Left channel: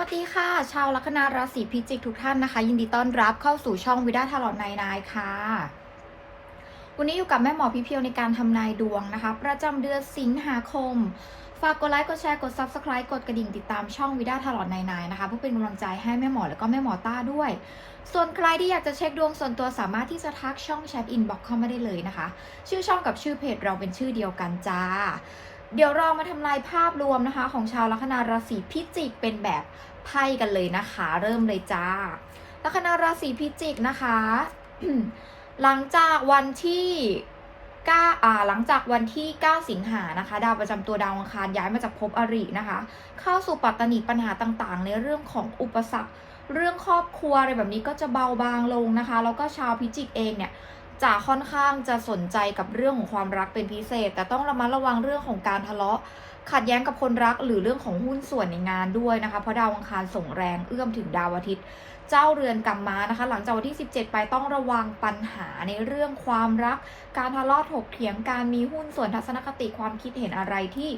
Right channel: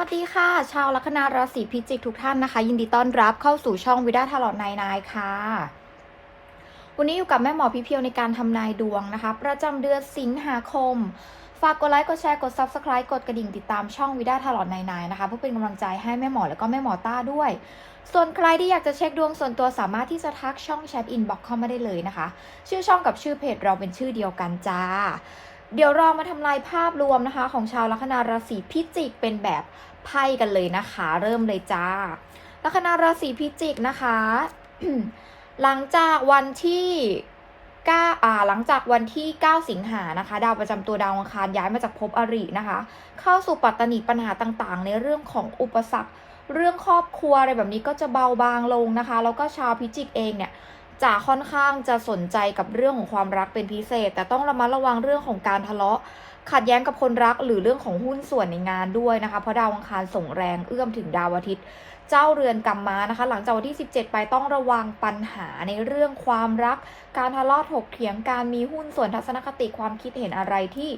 วัสดีค่ะ ชาวลัคนาราศีพิจิกทุกท่านนะคะ ยินดีต้อนรับเข้าสู่ช่องวิดาทลอดนายนายค่ะ วันนี้อยู่กับแม่หมอพี่เพียวในการทำนายดวงนะคะ ประจำเดือนสิงหาคม ฝากกดไลค์กดแชร์กด Subscribe กดกระดิ่งติดตามช่องวิดาทลอดนายนายนะคะเพื่อเป็นกำลังใจให้แม่หมอและก็แม่หมอต้าด้วย ส่วนใครที่อยากจะเช็คดวงส่วนตัวสามารถที่จะทักช่องแชทอินบ็อกเข้ามาได้เลยนะคะ ชื่อช่องกับชื่อเพจเราเป็นชื่อเดียวกันจ้า เดี๋ยวเรามาทำลายภาพรวมนะคะ ของชาวลัคนาราศีพิจิกเป็นแบบไพ่กันเลยนะคะ เริ่มเลยจ้า ลัคนาราศีพิจิกนะคะ หลังจากวันที่9อ่าหลังจากวันที่ 9 สิงหานะคะ ดาวประจำตัวดาวอังคารย้ายมาจากภพอรินะคะ เข้าสู่ปัตตานีปัญหาต่างๆ ในเรื่องของอุปสรรค เรื่องครอบครัวอะไรแบบนี้ก็จะเบาบางลงนะคะ แล้วก็ชาวพิจิกเองเนี่ย จะค่อนข้างจะสนใจกับเรื่องของความรักเป็นพิเศษ แต่ต้องระมัดระวังเรื่องของการทะเลาะ ขัดแย้งกับคนรักหรือเรื่องของหุ้นส่วนในงานด้วยนะคะ เพราะดาวอังคารส่งแรงเอื้อมถึงดาวอาทิตย์ เจ้าเรือนกรรมมานะคะ หลังจากวันที่ 17 ไปต้องระวังปัญหาในเรื่องความรัก การทะเลาะถกเถียงการมีหุ้นส่วนทัศนคติความคิดเห็นอะไรที่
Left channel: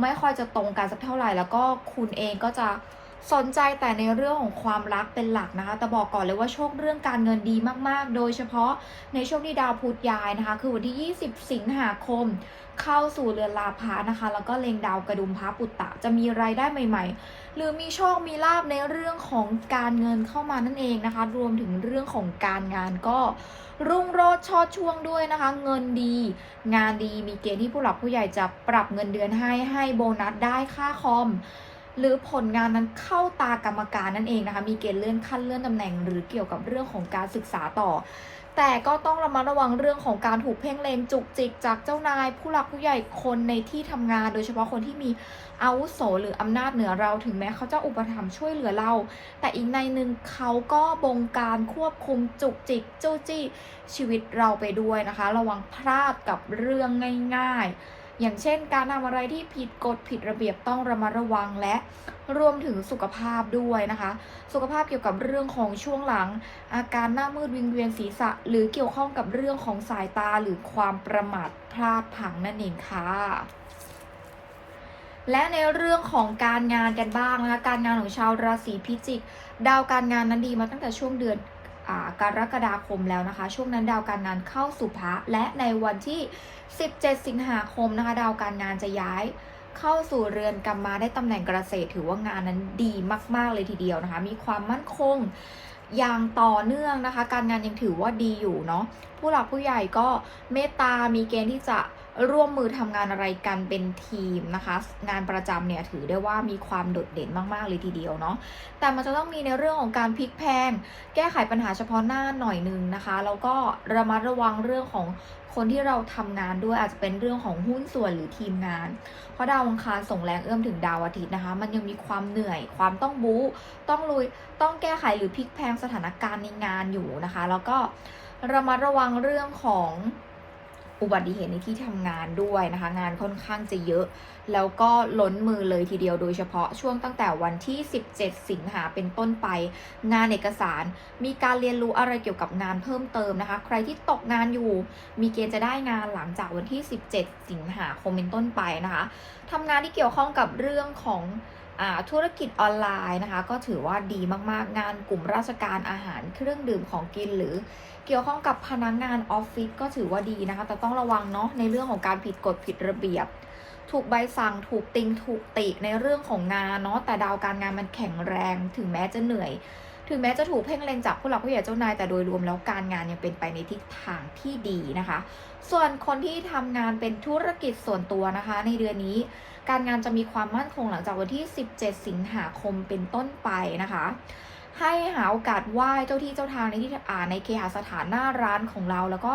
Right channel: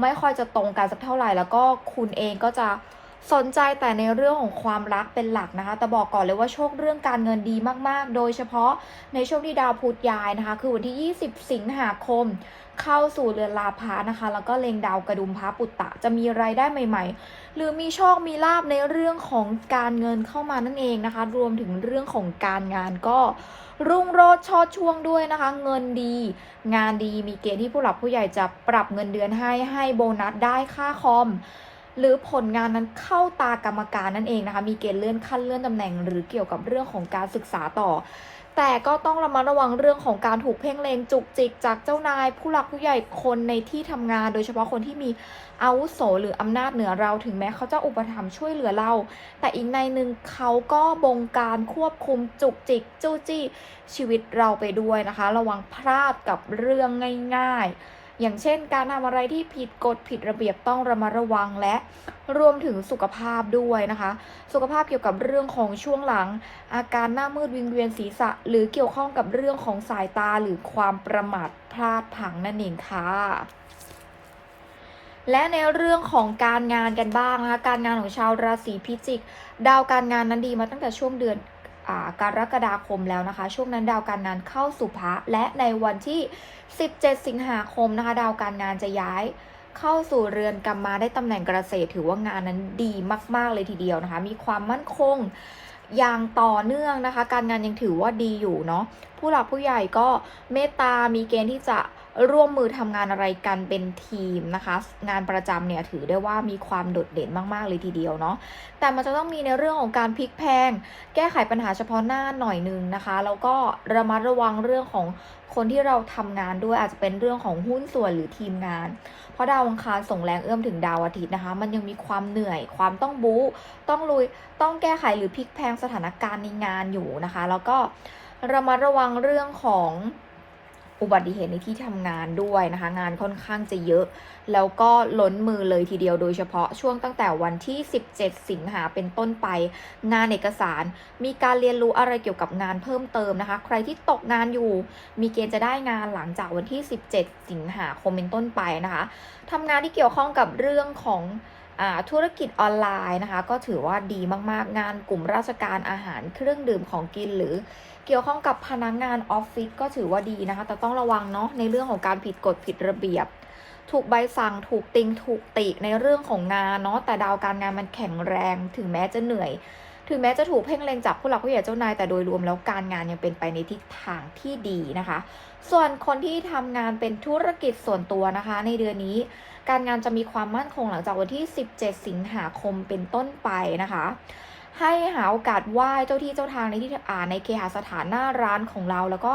ไม่ค่อยจะตรงกันสักเท่าไหร่แล้วก็คุณเองก็จะ สนใจแต่ในเรื่องของความรักเป็นหลักนะคะ แต่บอกก่อนเลยว่าโชคเรื่องการเงินดีมากๆ โดยเฉพาะในช่วงที่ดาวพุธย้ายนะคะ คือวันที่ 20 สิงหาคม เข้าสู่เรือนลาภานะคะ แล้วก็เล็งดาวกระดุมพระปุตตะ จะมีรายได้ใหม่ ๆ หรือมีโชค มีลาบในเรื่องของการเงินเข้ามานั่นเองนะคะ รวมถึงเรื่องของการงานก็รุ่งโรจน์ชอดช่วงด้วยนะคะ เงินดี งานดีมีเกณฑ์ที่ผู้หลักผู้ใหญ่จะปรับเงินเดือนให้ให้โบนัสได้ค่าคอม หรือผลงานนั้นเข้าตากรรมการนั่นเองนะคะ มีเกณฑ์เลื่อนขั้นเลื่อนตำแหน่ง หรือเกี่ยวกับเรื่องของการศึกษาต่อ แต่ก็ต้องระมัดระวังเรื่องของการถูกเพ่งเลงจุกจิก จากเจ้านาย ผู้หลักผู้ใหญ่คนในที่ทำงาน โดยเฉพาะคนที่มีอาวุโสหรืออำนาจเหนือเราถึงแม้เขาจะอุปถัมภ์ช่วยเหลือเรา แต่อีกในหนึ่งเขาก็บงการควบคุมจุกจิกจู้จี้ชีวิตเราไปด้วยนะคะ ระวังพลาดกับเรื่องง่าย ๆ อย่างเช่น การทำอะไรที่ผิดกฎผิดระเบียบต้องระมัดระวังและรวมถึงสุขภาพด้วยนะคะ สุขภาพเกี่ยวกับเรื่องของช่วงหลัง อาการหน้ามืดวิงเวียนศีรษะ หรือเกี่ยวข้องกับเรื่องของสายตาหรือความประมาทพลาดพลังนั่นเองค่ะและในเรื่องของการงานกันบ้างนะคะการงานของชาวราศีพิจิก ดาวการงานนั้นดีมาตั้งแต่ช่วงเดือน กรกฎาคมแล้วนะคะ ช่วงนั้นดาวการงานเข้าสู่พระและในวันที่ 17 สิงหาคมนะคะ ดาวการงานจะย้ายเข้าสู่เรือนกรรมมาได้ตำแหน่งเกษตร ถือว่างานนั้นดีมาก ๆ เลยทีเดียวนะคะ มีความมั่นคงอย่างต่อเนื่องนะคะ การงานยังถือว่าดีอยู่เนาะผู้หลักผู้ใหญ่ก็เมตตามีเกณฑ์ที่จะ ร่วมมือทำงานอะไรกันเป็นทีมนะคะ งานประจำเนี่ยถือได้ว่ามีความโดดเด่นมากๆเลยทีเดียวเนาะแต่มันจะต้องมีในเรื่องของการพลิกแพง แก้ไขปัญหาเฉพาะหน้าหน่อยนึงนะคะ แล้วก็ระมัดระวังเรื่องของคนที่เราทำงานด้วยอาจจะเป็นเรื่องของหุ้นส่วนหรือทีมงาน เพราะดาวอังคารส่งแรงเอื้อมถึงดาวอาทิตย์นะคะ มันยังมีความเหนื่อย ความต้องบู๊ต้องลุย ต้องแก้ไขหรือพลิกแพงสถานการณ์ในงานอยู่นะคะ แล้วก็ระมัดระวังเรื่องของ อุบัติเหตุในที่ทำงานด้วยนะคะ งานค่อนข้างจะเยอะ แล้วก็ล้นมือเลยทีเดียวโดยเฉพาะช่วงตั้งแต่วันที่ 17 สิงหาเป็นต้นไป งานเอกสาร มีการเรียนรู้อะไรเกี่ยวกับงานเพิ่มเติมนะคะ ใครที่ตกงานอยู่ มีเกณฑ์จะได้งานหลังจากวันที่ 17 สิงหาคมเป็นต้นไปนะคะทำงานที่เกี่ยวข้องกับเรื่องของ ธุรกิจออนไลน์นะคะ ก็ถือว่าดีมากๆ งานกลุ่มราชการอาหารเครื่องดื่มของกินหรือเกี่ยวข้องกับพนักงงานออฟฟิศก็ถือว่าดีนะคะ แต่ต้องระวังเนาะในเรื่องของการผิดกฎผิดระเบียบ ถูกใบสั่งถูกติงถูกติในเรื่องของงานเนาะแต่ดาวการงานมันแข็งแรงถึงแม้จะเหนื่อย ถึงแม้จะถูกเพ่งเล็งจากผู้หลักผู้ใหญ่เจ้านายแต่โดยรวมแล้วการงานยังเป็นไปในทิศทางที่ดีนะคะ ส่วนคนที่ทำงานเป็นธุรกิจส่วนตัวนะคะ ในเดือนนี้ การงานจะมีความมั่นคงหลังจากวันที่ 17 สิงหาคมเป็นต้นไปนะคะ ให้หาโอกาสไหว้เจ้าที่เจ้าทางในที่อ่าในเคหสถานหน้าร้านของเราแล้วก็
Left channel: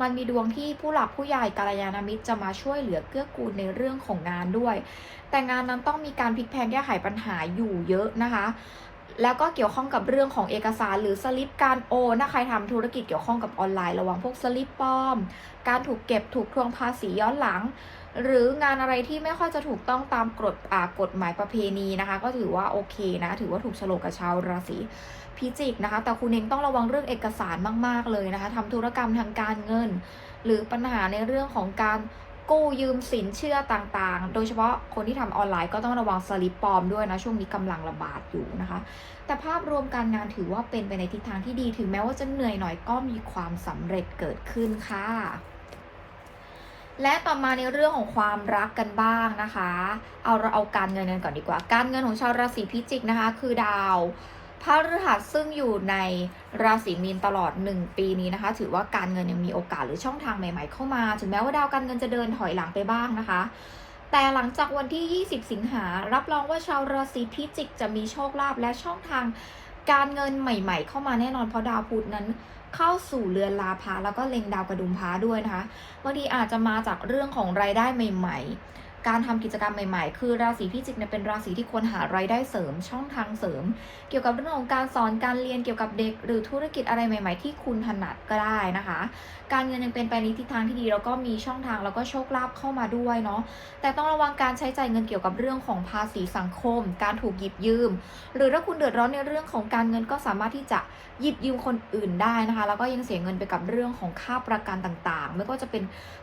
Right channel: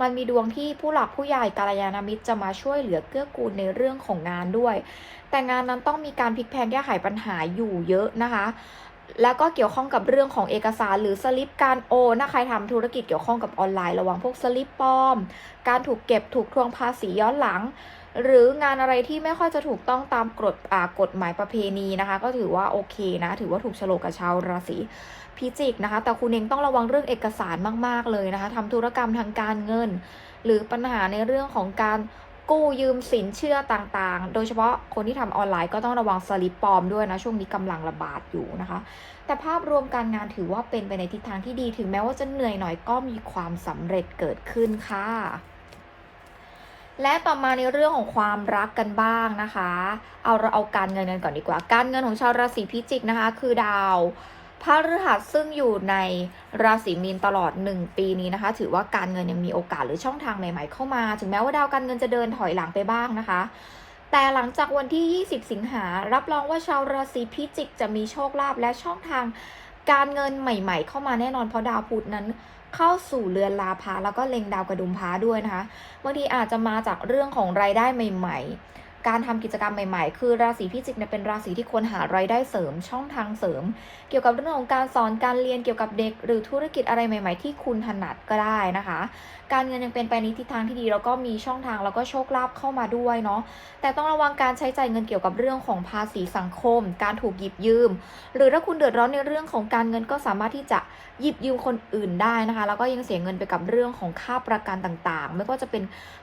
มันมีดวงที่ผู้หลักผู้ใหญ่กาลยานามิตรจะมาช่วยเหลือเกื้อกูลในเรื่องของงานด้วย แต่งานนั้นต้องมีการพลิกแพลงแก้ไขปัญหาอยู่เยอะนะคะ แล้วก็เกี่ยวข้องกับเรื่องของเอกสารหรือสลิปการโอนถ้าใครทำธุรกิจเกี่ยวข้องกับออนไลน์ระวังพวกสลิปปลอม การถูกเก็บถูกทวงภาษีย้อนหลัง หรืองานอะไรที่ไม่ค่อยจะถูกต้องตามกฎกฎหมายประเพณีนะคะ ก็ถือว่าโอเคนะ ถือว่าถูกฉลกกับชาวราศีพิจิกนะคะ แต่คุณเองต้องระวังเรื่องเอกสารมาก ๆ เลยนะคะทำธุรกรรมทางการเงิน หรือปัญหาในเรื่องของการ กู้ยืมสินเชื่อต่างๆ โดยเฉพาะคนที่ทำออนไลน์ก็ต้องระวังสลิปปลอมด้วยนะ ช่วงนี้กำลังระบาดอยู่นะคะ แต่ภาพรวมการงานถือว่าเป็นไปในทิศทางที่ดี ถึงแม้ว่าจะเหนื่อยหน่อยก็มีความสำเร็จเกิดขึ้นค่ะ และต่อมาในเรื่องของความรักกันบ้างนะคะ เอาเราเอาการเงินกันก่อนดีกว่า การเงินของชาวราศีพิจิกนะคะ คือดาว พระฤหัสซึ่งอยู่ในราศีมีนตลอด 1 ปีนี้นะคะ ถือว่าการเงินยังมีโอกาสหรือช่องทางใหม่ ๆ เข้ามา ถึงแม้ว่าดาวการเงินจะเดินถอยหลังไปบ้างนะคะ แต่หลังจากวันที่ 20 สิงหา รับรองว่าชาวราศีพิจิกจะมีโชคลาภและช่องทางการเงินใหม่ ๆ เข้ามาแน่นอนเพราะดาวพุธนั้นเข้าสู่เรือนลาภาแล้วก็เล็งดาวกระดุมพาด้วยนะคะบางทีอาจจะมาจากเรื่องของรายได้ใหม่ ๆ การทำกิจกรรมใหม่ๆ คือราศีพิจิกเนี่ยเป็นราศีที่ควรหารายได้เสริมช่องทางเสริม เกี่ยวกับเรื่องของการสอนการเรียนเกี่ยวกับเด็ก หรือธุรกิจอะไรใหม่ ๆ ที่คุณถนัดก็ได้นะคะ การเงินยังเป็นไปในทิศทางที่ดีแล้วก็มีช่องทางแล้วก็โชคลาภเข้ามาด้วยเนาะแต่ต้องระวังการใช้จ่ายเงินเกี่ยวกับเรื่องของภาษีสังคม การถูกหยิบยืม หรือถ้าคุณเดือดร้อนในเรื่องของการเงินก็สามารถที่จะหยิบยืมคนอื่นได้นะคะ แล้วก็ยังเสียเงินไปกับเรื่องของค่าประกันต่างๆ ไม่ว่าจะเป็น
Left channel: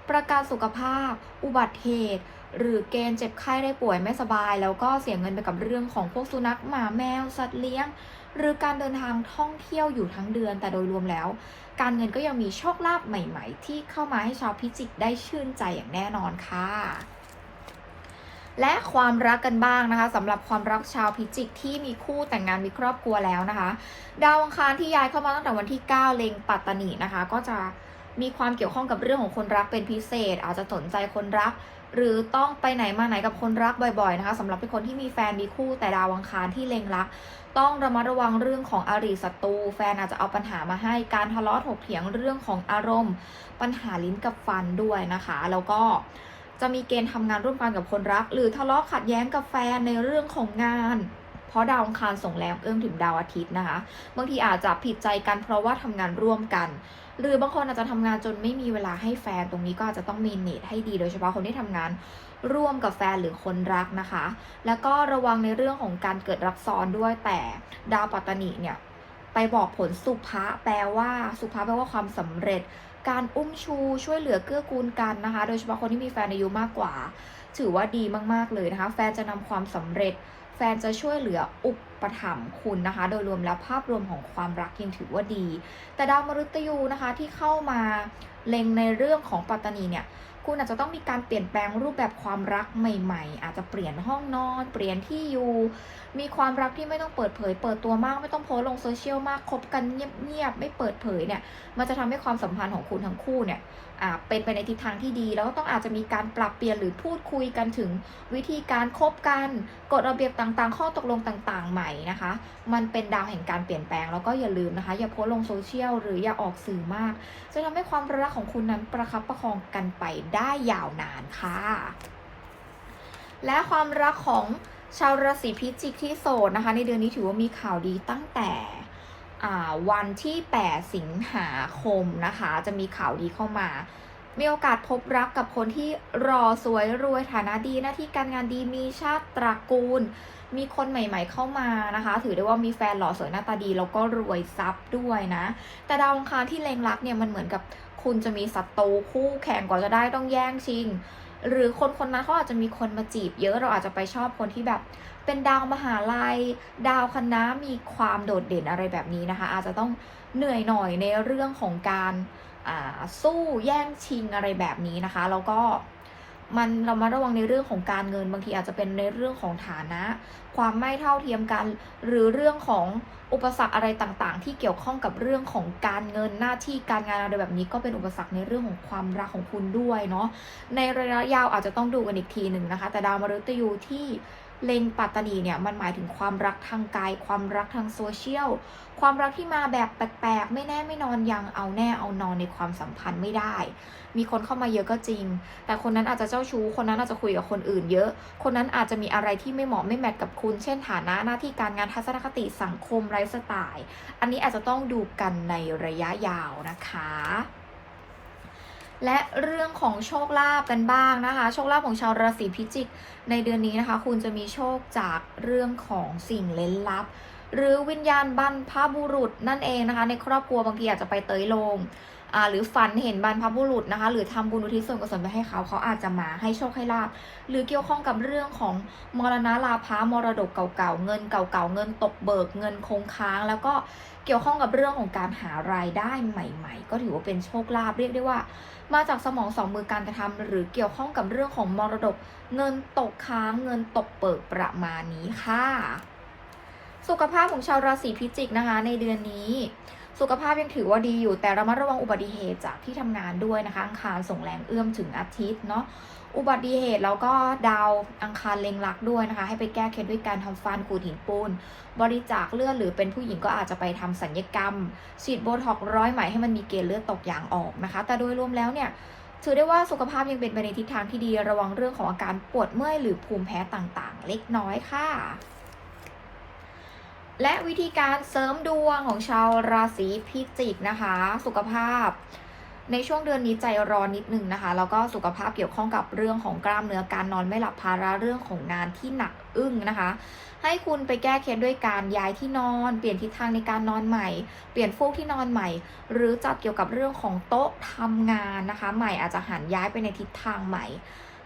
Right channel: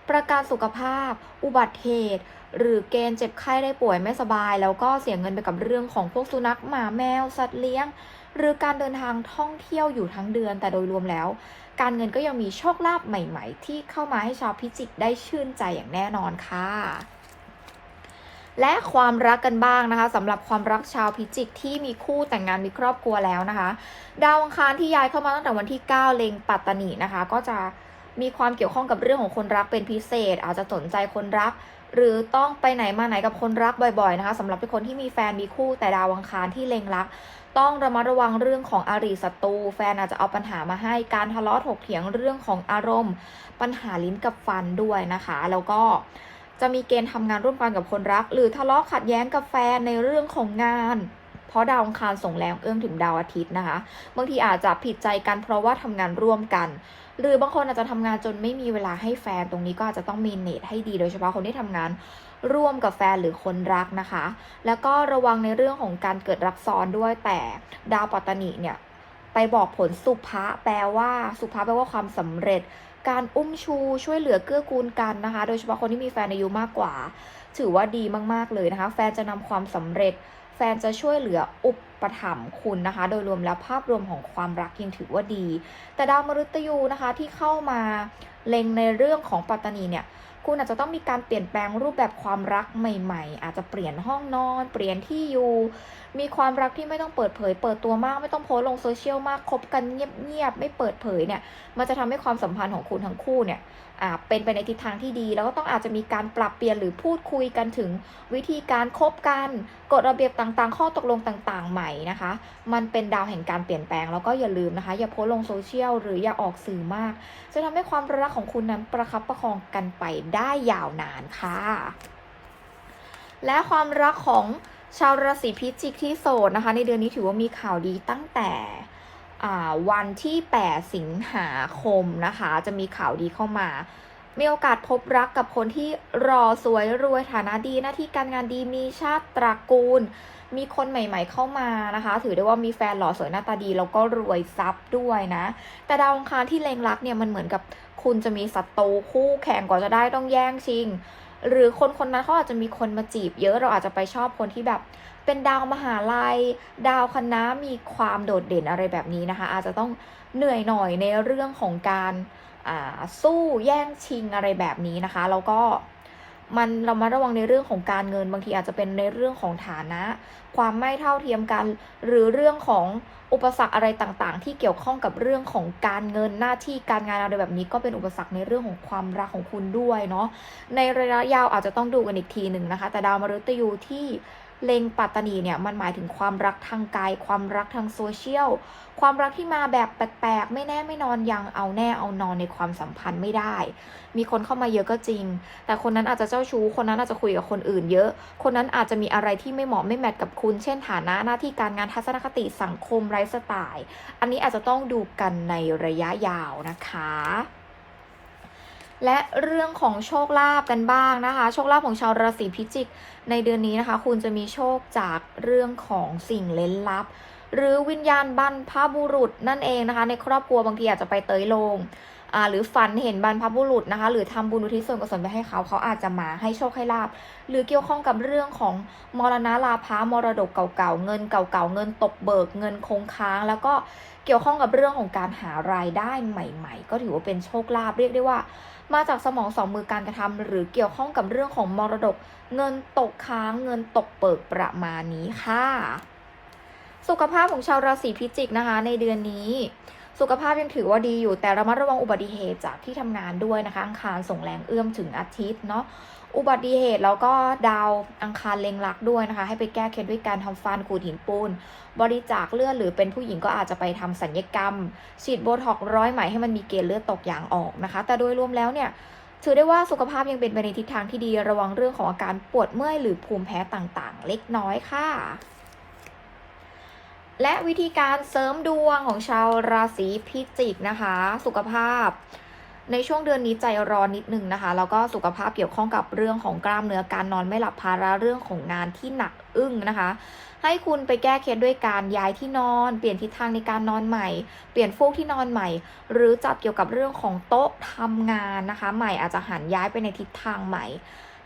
ประกันสุขภาพ อุบัติเหตุ หรือเกณฑ์เจ็บไข้ได้ป่วยไม่สบาย แล้วก็เสียเงินไปกับเรื่องของพวกสุนัขหมาแมว สัตว์เลี้ยง หรือการเดินทางท่องเที่ยวอยู่ทั้งเดือน แต่โดยรวมแล้ว การเงินก็ยังมีโชคลาภใหม่ ๆ ที่เข้ามาให้ชาวพิจิกได้ชื่นใจอย่างแน่นอนค่ะและความรักกันบ้างนะคะสำหรับความรักชาวพิจิกที่มีคู่แต่งงานมีครอบครัวแล้วนะคะ ดาวอังคารที่ย้ายเข้ามาตั้งแต่วันที่ 9 เล็งปัตตานีนะคะ ก็จะ มีความเกี่ยวข้องกับเรื่องของคนรักเป็นพิเศษ อาจจะสนใจคนรัก หรือต้องไปไหนมาไหนกับคนรักบ่อยๆนะคะสำหรับคนที่มีแฟนมีคู่แต่ดาวอังคารที่เล็งรัก ต้องระมัดระวังเรื่องของอารีศัตรูแฟนอาจจะเอาปัญหามาให้การทะเลาะถกเถียงเรื่องของอารมณ์ ปัญหาลิ้นกับฟันด้วยนะคะ แล้วก็จะมีเกณฑ์ทำงานร่วมกันกับคนรัก หรือทะเลาะขัดแย้งกับแฟนในเรื่องของงาน ราะดาวอังคารส่งแรงเอื้อมถึงดาวอาทิตย์นะคะ บางทีอาจจะผิดใจกันเพราะว่าทำงานร่วมกัน หรือบางคนอาจจะทำงานจนไม่มีเวลาให้แฟนตรงนี้ก็อาจจะต้องมีเนตให้ดีโดยเฉพาะคนที่ทำงานร่วมกับแฟนหรือคนรักนะคะ แล้วก็ระวังในเรื่องของการเกิดรักซ้อนด้วยแต่ดาวปัตตานีเนี่ยไปบอกผลสุภะแปลว่าสุภะแปลว่าความสำเร็จ การอุ้มชูช่วยเหลือเกื้อกูลกันนะคะ โดยเฉพาะคนที่มีแฟนอายุมากกว่า ถือว่าดีมากๆเลยนะคะ แฟนจะนำความสำเร็จ แฟนจะช่วยเหลืออุปถัมภ์คุณนะคะ โดยรวมแล้วภาพรวมของความรักยังถือว่าดี แต่ดาวมฤตยูนะคะที่เข้ามาเล็งในเรื่องของปัตตานีเนี่ยคุณอาจจะต้องมีการเปลี่ยนแปลงรูปแบบความรักใหม่ ๆ อาจจะเปลี่ยนห้องนอน เปลี่ยนที่อยู่ มีความรักที่ไม่ต้องเปิดเผย เปิดตัวมากไม่ต้องโพสลงโซเชียลมากคบกันเงียบๆไม่เปิดเผยเนี่ย มันจะทำให้ความสัมพันธ์ของคุณทั้งคู่เนี่ยอ่าเป็นไปในทิศทางที่ดี แล้วก็ต้องอาจจะมีการปรับเปลี่ยนหรือพูดคุยกันถึงวิธีการคบกันกฎระเบียบต่างๆ ข้อตกลงต่างๆ ใหม่นะคะ มันเป็นดาวแห่งการเปลี่ยนแปลงแล้วก็อย่าลืมนะคะ อย่าโพสลงโซเชียลหรืออย่าออกสื่อมาก จะทำให้ความรักของคุณนั้นประคับประคองกันไปได้ยาวนานค่ะ และความรักของ ชาวราศีพิจิกที่โสดนะคะ ในเดือนนี้ถือว่ามีข่าวดีตั้งแต่วันที่ 8 สิงหาคมนะคะ จะมีข่าวดีเข้ามา มีโอกาสพบรักกับคนที่รอสวยรวยฐานะดีหน้าที่การงานดีมีชาติตระกูล มีคนใหม่ๆเข้ามานะคะ ถือได้ว่ามีแฟนหล่อสวยหน้าตาดีแล้วก็รวยทรัพย์ด้วยนะ แต่ดาวองคารที่เล็งรักเนี่ยมันเหมือนกับคุณจะมีศัตรูคู่แข่งกว่าจะได้ต้องแย่งชิง หรือคนคนนั้นเขาอาจจะมีคนมาจีบเยอะเราอาจจะไปชอบคนที่แบบเป็นดาวมหาลัย ดาวคณะมีความโดดเด่นอะไรแบบนี้นะคะ อาจจะต้องเหนื่อยหน่อยในเรื่องของการอ่าสู้แย่งชิงอะไรแบบนี้นะคะ แล้วก็ มันเรามาระวังในเรื่องของการเงิน บางทีอาจจะเป็นในเรื่องของฐานะ ความไม่เท่าเทียมกัน หรือเรื่องของอุปสรรคอะไรต่างๆ ที่เกี่ยวข้องกับเรื่องของการเงินหน้าที่การงานอะไรแบบนี้ ก็เป็นอุปสรรคในเรื่องของความรักของคุณด้วยเนาะในระยะยาวอาจจะต้องดูกันอีกทีหนึ่งนะคะ แต่ดาวมฤตยูที่ เล็งปัตตานีเนี่ยมันหมายถึงความรักทางกายความรักทางโซเชียลความรักที่มาแบบแปลกๆไม่แน่ไม่นอนยังเอาแน่เอานอนในความสัมพันธ์ไม่ได้ มีคนเข้ามาเยอะก็จริง แต่คนนั้นอาจจะเจ้าชู้ คนนั้นอาจจะคุยกับคนอื่นเยอะ คนนั้นอาจจะมีอะไรที่ไม่เหมาะไม่แมทกับคุณ เช่นฐานะหน้าที่การงานทัศนคติสังคมไลฟ์สไตล์ อันนี้อาจจะต้องดูกันในระยะยาวนะคะ และเรื่องของโชคลาภกันบ้างนะคะ โชคลาภของชาวราศีพิจิก ในเดือนนี้นะคะ คุณจะมีโชคจากเรื่องของสิ่งเล้นลับ หรือวิญญาณบรรพบุรุษนั่นเองนะคะ ในครอบครัวบางทีอาจจะไปเตยโลงหรือฝันเห็นบรรพบุรุษนะคะ หรือทำบุญอุทิศส่วนกุศลไปให้เขาเขาอาจจะมาให้โชคให้ลาบหรือเกี่ยวข้องกับเรื่องของมรณะลาภามรดกเก่าๆเงินเก่าๆเงินตกเบิกเงินคงค้าง แล้วก็เกี่ยวข้องกับเรื่องของการหารายได้ใหม่ ๆ ก็ถือว่าเป็นโชคลาภเรียกได้ว่า มาจากสมองสองมือการกระทำหรือเกี่ยวข้องกับเรื่องของมรดก เงินตกค้างเงินตกเปิดประมาณนี้ค่ะ สุขภาพของชาวราศีพิจิกนะคะ ในเดือนนี้ สุขภาพยังถือว่าดีอยู่แต่ระมัดระวังอุบัติเหตุจากที่ทำงานด้วยนะคะอังคารส่งแรงเอื้อมถึงอาทิตย์เนาะ อุบัติเหตุแล้วก็ดาวอังคารเล็งรักด้วยนะคะ ให้ไปแก้เคล็ดด้วยการทำฟันขูดหินปูน บริจาคเลือดหรือเป็นผู้หญิงก็อาจจะไปทำสัญญกรรม ฉีดโบท็อกร้อยไหมให้มันมีเกณฑ์เลือดตกยางออกนะคะ แต่โดยรวมแล้วเนี่ยถือได้ว่าสุขภาพยังเป็นไปในทิศทางที่ดีระวังเรื่องของอาการปวดเมื่อยหรือภูมิแพ้ต่างๆ เล็กน้อยค่ะและวิธีการเสริมดวงของชาวราศีพิจิกนะคะ สุขภาพ ในช่วงเดือนนี้ใจร้อนนิดนึงนะคะ แล้วก็สุขภาพเกี่ยวข้องกับเรื่องของกล้ามเนื้อการนอนไม่หลับภาระเรื่องของงานที่หนักอึ้งนะคะ ให้คุณไปแก้เคล็ดด้วยการย้ายที่นอน เปลี่ยนทิศทางในการนอนใหม่ เปลี่ยนฟูกที่นอนใหม่ หรือจัดเกี่ยวกับเรื่องของโต๊ะทำงานนะคะ ใหม่อาจจะหันย้ายไปในทิศทางใหม่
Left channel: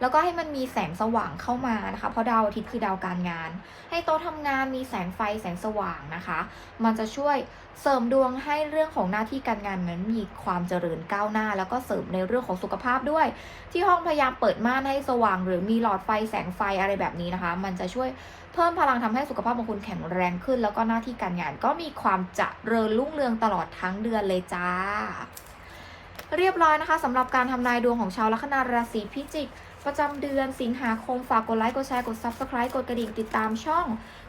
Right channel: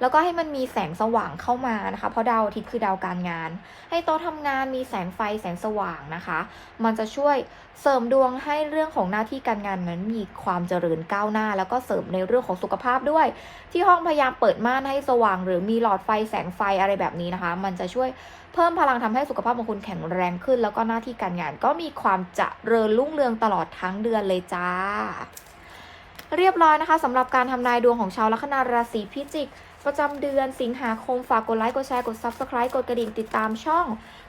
แล้วก็ให้มันมีแสงสว่างเข้ามานะคะ เพราะดาวอาทิตย์คือดาวการงาน ให้โต๊ะทำงานมีแสงไฟแสงสว่างนะคะ มันจะช่วยเสริมดวงให้เรื่องของหน้าที่การงานนั้นมีความเจริญก้าวหน้า แล้วก็เสริมในเรื่องของสุขภาพด้วย ที่ห้องพยายามเปิดม่านให้สว่าง หรือมีหลอดไฟแสงไฟอะไรแบบนี้นะคะ มันจะช่วยเพิ่มพลังทำให้สุขภาพของคุณแข็งแรงขึ้น แล้วก็หน้าที่การงานก็มีความเจริญรุ่งเรืองตลอดทั้งเดือนเลยจ้า เรียบร้อยนะคะสำหรับการทำนายดวงของชาวลัคนาราศีพิจิก ประจำเดือนสิงหาคมฝากกดไลค์ กดแชร์ กด Subscribe กดกระดิ่งติดตามช่อง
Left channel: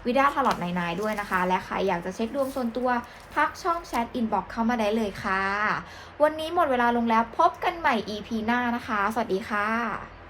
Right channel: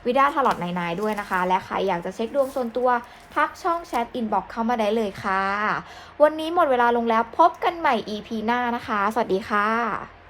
วิดาทลอดในายด้วยนะคะ และใครอยากจะเช็คดวงส่วนตัว ทักช่องแชทอินบ็อกเข้ามาได้เลยค่ะ วันนี้หมดเวลาลงแล้วพบกันใหม่ EP หน้านะคะ สวัสดีค่ะ